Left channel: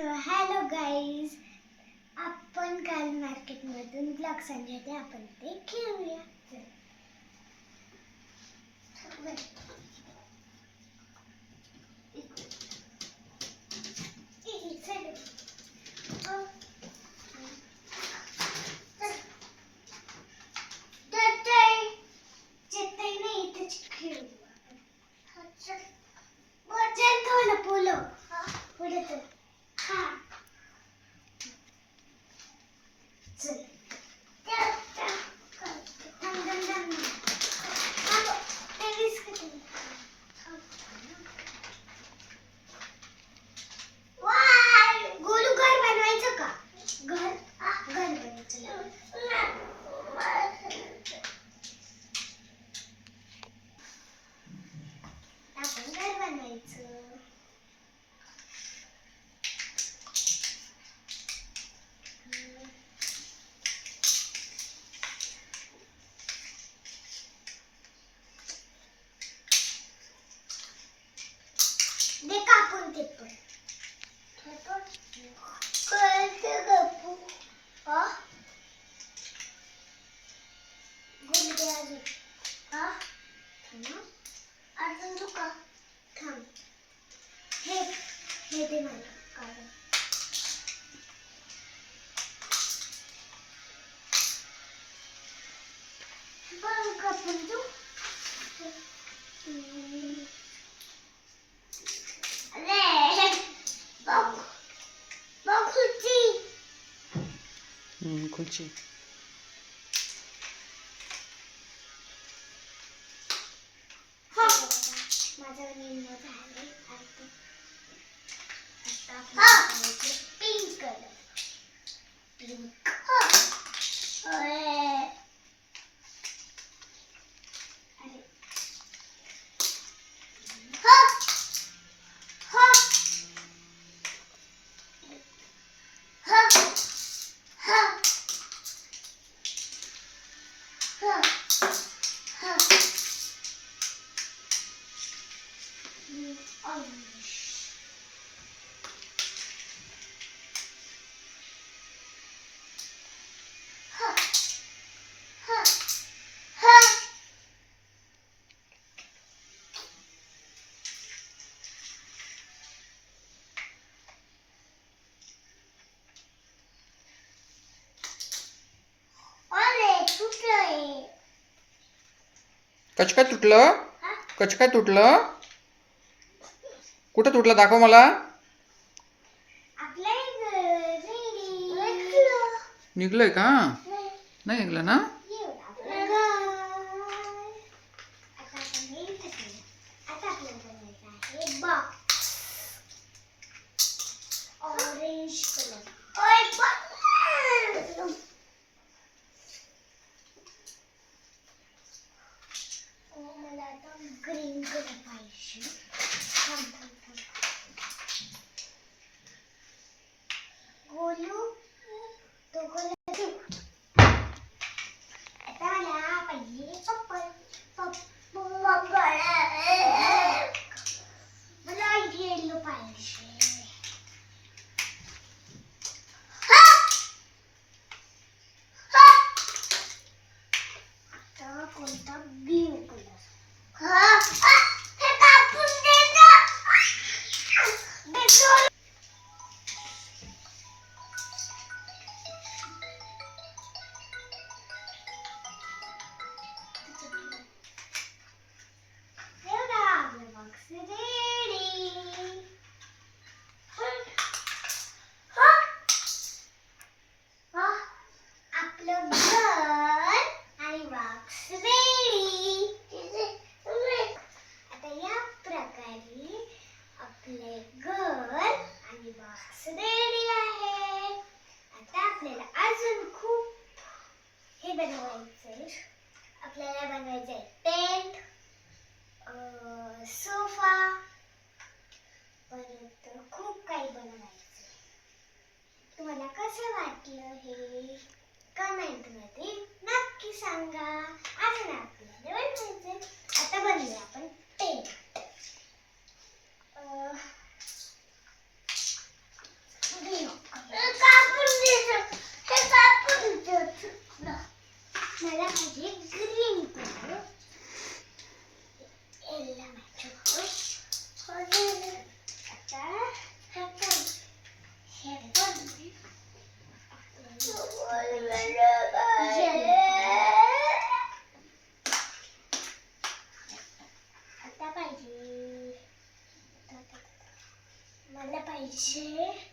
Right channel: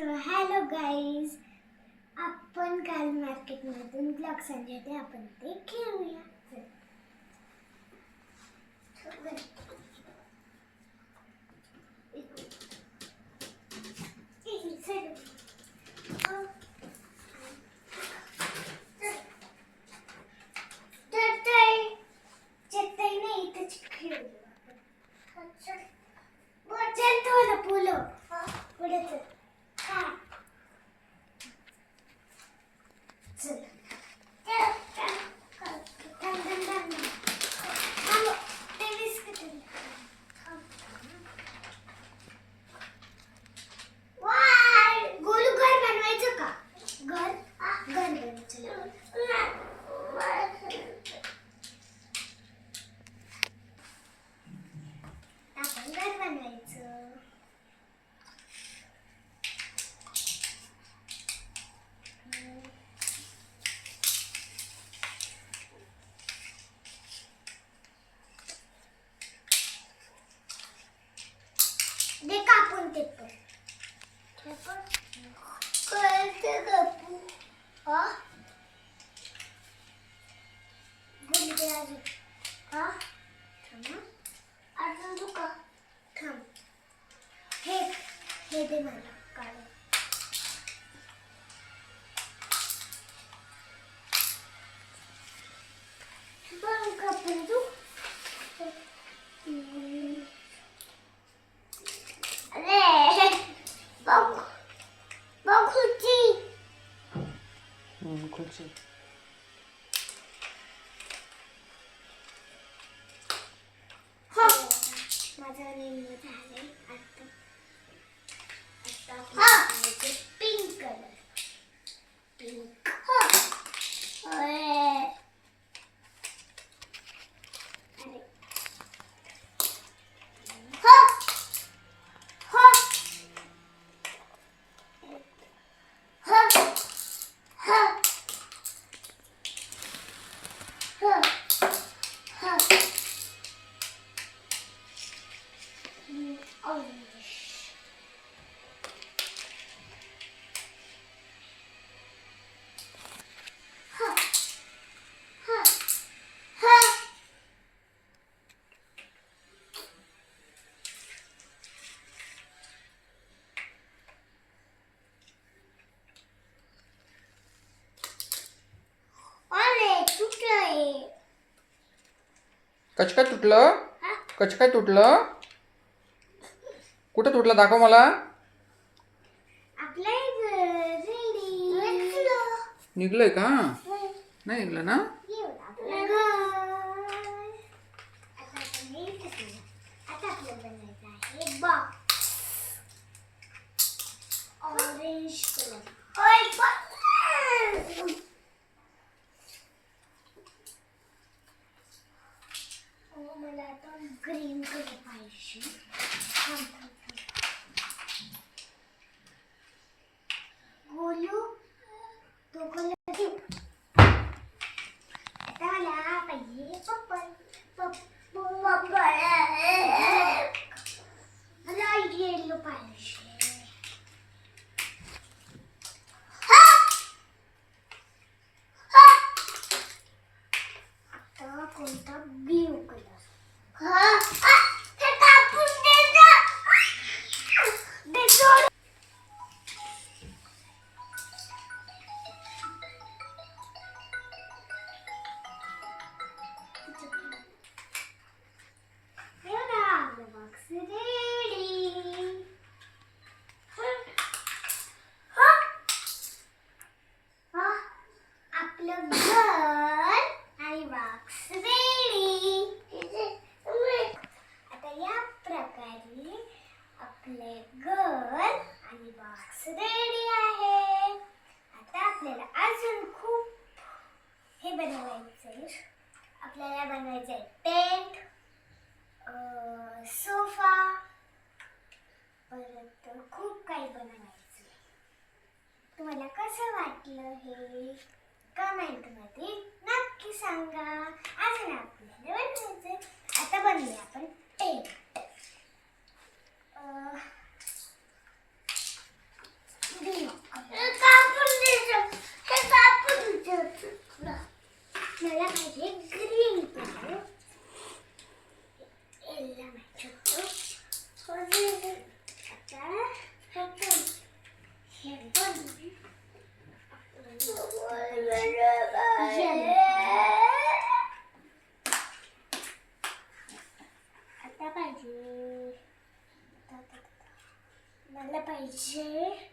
So hello guys आपण काल मार्केटमधून ब्लॉक्स आणले आपण ते खेळूया. 입에만 닦아요. 그렇지. 허! 맞아, 언니. कच काय तुटलं? कच काय तुटलं? कुठं तुटलं? दाखव मला. निघलंय का? नाही. निघलं ना? कसं वाटलं हे? कमेंटमध्ये नक्की सांगा. अजून आपल्याला बनवायचं आता बनवूया आपण ते. पेंट Ece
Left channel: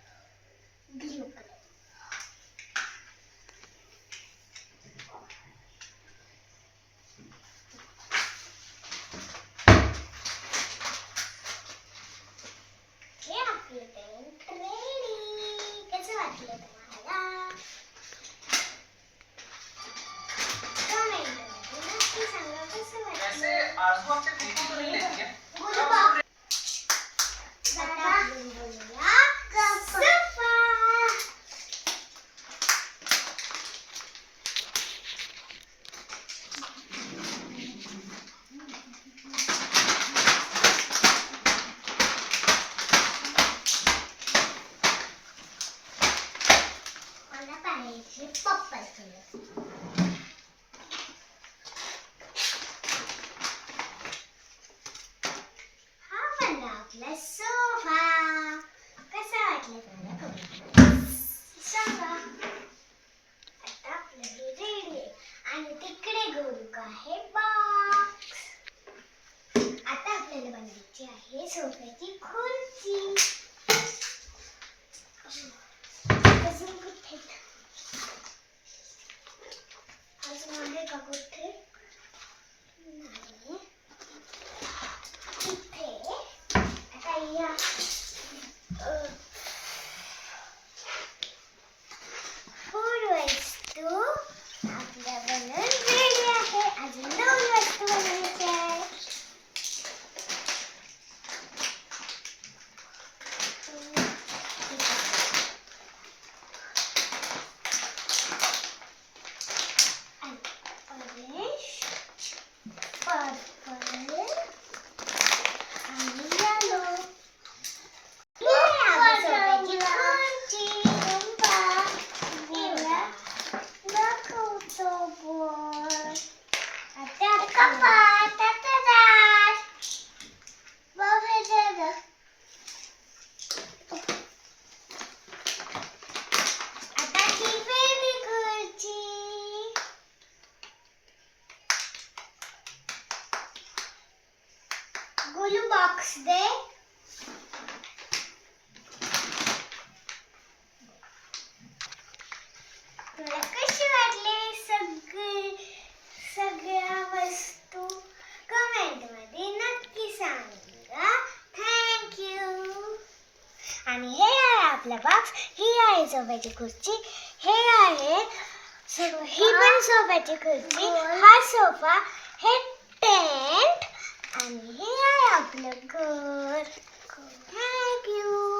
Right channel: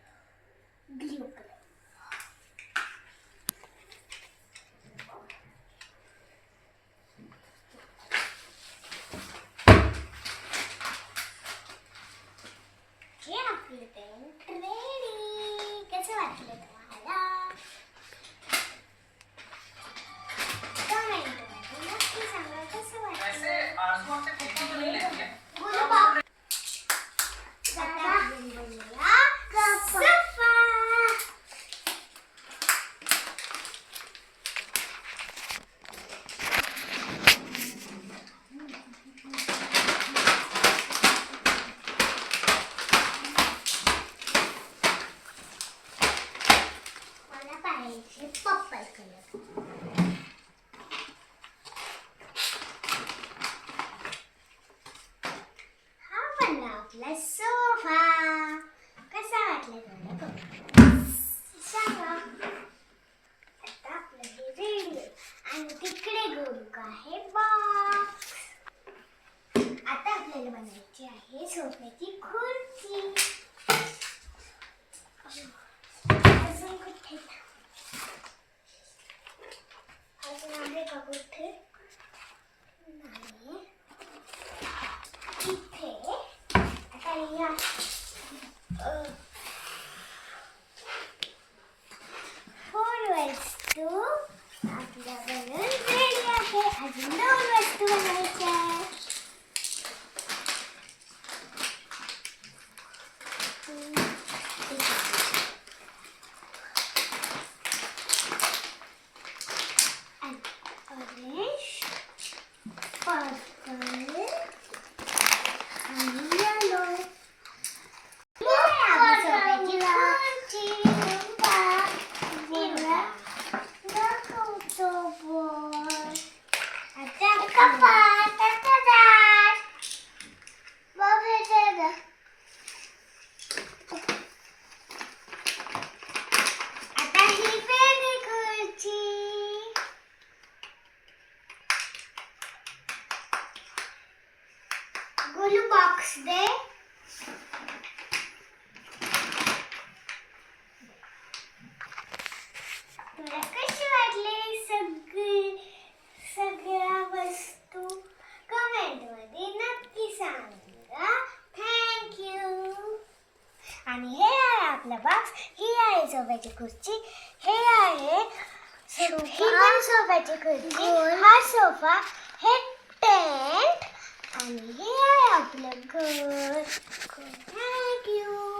आपला सोफा. कसा वाटला तुम्हाला? comment सांगा. आता आपलं हे रेडी आहे. आणि तिकडे गोलक आहे बॉक्स आता आपल्याला बनवायची आहे सोफ्याची खुर्ची अजून कुठे अजून आहे का कुठे नाही इथे आता या अ, फोर वस्तू आपल्या बनवून रेडी आहे अजून दोन वस्तू बनायच्या आहे orange, purple, आणि yellow. आता ही वेगळी खुर्ची गोलू बॉक्स दे तुला कशी वाटली सगळी सगळ्या वस्तू कमेंटमध्ये नक्की सांगा थँक्यू आणि हे आहे आपला बॉक्स ही आहे सोफ्याची खुर्ची. हे आहे ही पण सोफ्याची खुर्ची. हा सोफा हे टेंट आणि हे आहे आपलं घर. थँक्यू